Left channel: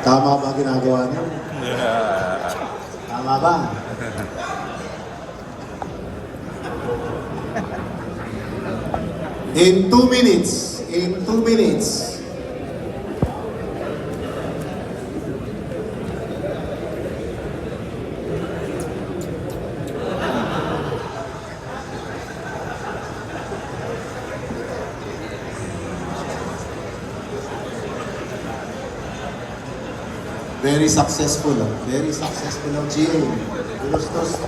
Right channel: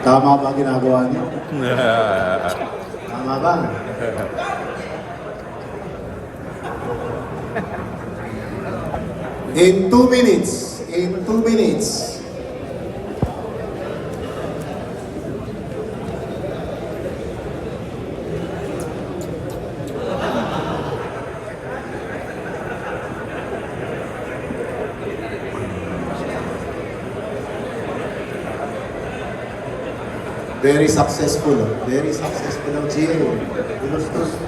Tama ba ginagawa niyo? Tama ba? In 2 minutes. In 2 minutes. Very successful. Very successful ang GA. Gulustos.